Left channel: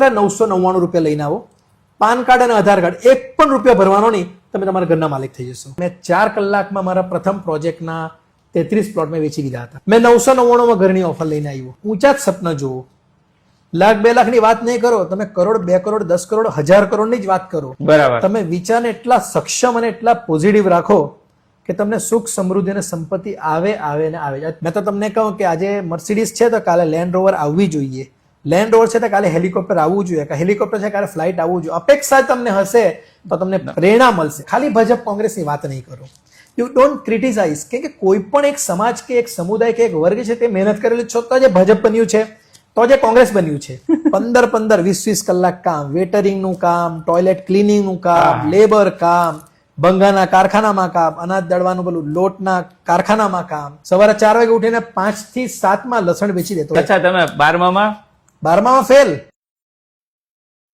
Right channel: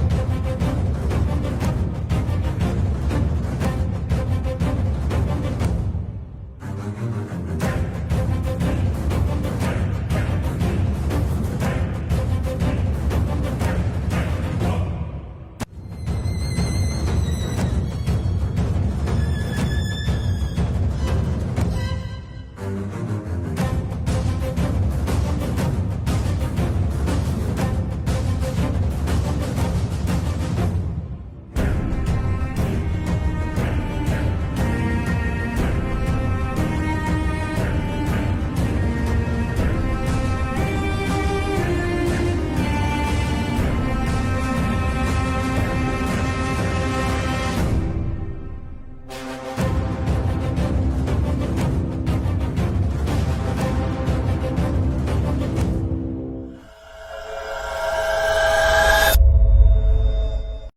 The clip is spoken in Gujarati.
માત્ર નવસો નવ્વાણું રૂપિયા લઈને આવો. પાન કાર્ડ અને આધાર કાર્ડ એક પણ રૂપિયા ભરવાનો નહીં. તમે તમારા ઘરના માલિક થઈ જશો. મેં ચાર કલાકમાં મારા પ્રથમ પ્રોજેક્ટના તેત્રીસ પ્લોટને વેચી દીધા. મેં નવસો નવ્વાણુંમાં ઘરની ઓફર લઈને આવી. ઊંચા જ સપના જુઓ. લાખ બે લાખની વાત નહીં કરો. તમે કરોડ બે કરોડ દસ કરોડ હજાર કરોડની જ વાત કરો. બરાબર. તમે વિચારને એટલા સક્ષમ અને એટલા પોઝિટિવ રાખો કે તમને સુખ સમૃદ્ધિ અને સંપત્તિ આવે આવે ને આવે. મેં તો તમને કહું કે આજે મર્સિડીઝ છે તો કાલે લેન્ડ રોવર આવવી જોઈએ. લેન્ડ રોવર છે તો કાલે હેલિકોપ્ટર આવવું જોઈએ. કે હેલિકોપ્ટર છે કાલે ફ્લાઇટ આવવું જોઈએ. અપેક્ષા તમને હશે તો તમને પ્રેરણા મળશે. ખાલી ભાજપ કોંગ્રેસની વાત નહીં યુ ડોન્ટ ક્રિટિસાઇઝ કે કે કોઈ પણ એક સમાજ કે એક સમુદાય કે એક વર્ગ છે તે મહેનત કરેલું છે. તો જે ભાજપ બન્યું છે તો જે કોંગ્રેસ બન્યું છે. પંદર પંદર વીસ વીસ કલાક કામ. વેટરિંગનું કામ ટોયલેટ ક્લિનિંગનું કામ લેબર કામ ભંગાના કારખાનામાં કામ અનાજ દળવાનું પેલું લોટના કારખાનામાં કામ. સવારે ચાર વાગે ઉઠીને પાંચથી સાતમાં લસણ વેચી દેતો અચ્છા તમે બારમામાં? બારમામાં ફેલ